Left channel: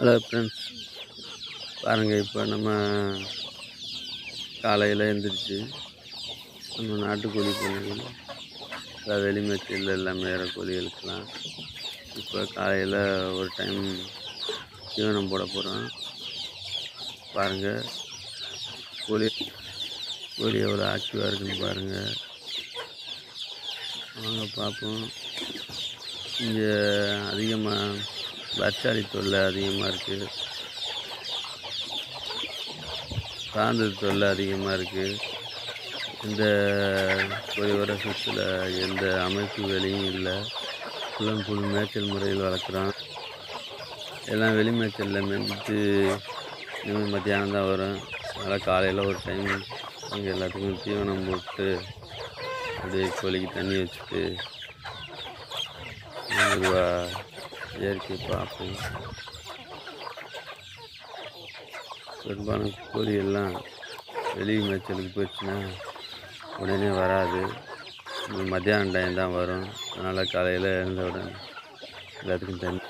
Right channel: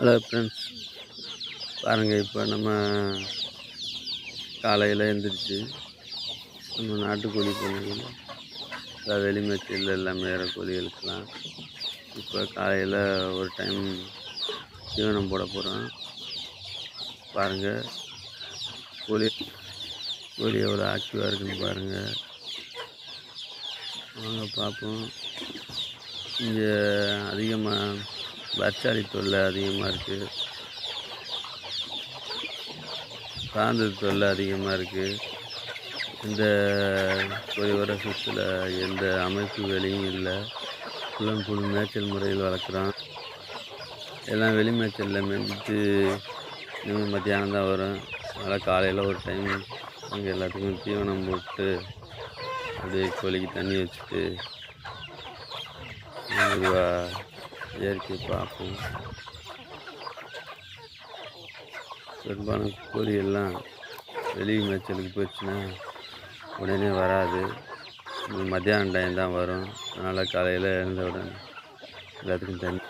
Hello friends, பாருங்கள். இப்போ நம்ம காலையில் எழுந்திரிச்சு நம்ம நாட்டுக்கோழி பண்ணையில் வெளி மேய்ச்சல் எல்லாம் மேயிற கோழிகளுக்கெல்லாம் இப்போ காலையில் ஒரு டைம் தீவனம் போட போகிறோம். பாருங்கள், கோழி கோழி எவ்வளோ ஆக்டிவாக இருக்குன்னு பாருங்கள். வாங்க பார்ப்போம். இங்கே அதிகமாக பர்ச்சாலி தொல்லை அதிகமாக இருக்குது, சார்ந்தது தொல்லை அதிகமாக இருக்குது. இந்த கோழி வருஷத்தில் எந்த அமைப்பு வேலையும் இல்லை. ஃபுல் மேய்ச்சல் முறையில் வளர்க்குறோம். எல்லாம் வெளி மேய்ச்சலில் மேய்ஞ்சிட்டு இனிமேல் மத்தியானம் தான் வரும். அதனால் காலையில் ஒரு டைம் அங்கே எல்லாத்துக்கும் தீவனம் போட்டு அப்படியே கோழிக்கு தண்ணி வச்சுட்டு மெதுவாக இயற்கையை பார்ப்போம். பெரும்பாலும் கோழி எல்லாம் வெளி மேய்ச்சலுக்கு போயிடுச்சுன்னா உடனே வராது. மத்தியானம் டைம் தான் வரும். அதனால் காலையில் எழுந்த உடனே எல்லாத்துக்கும் தண்ணி.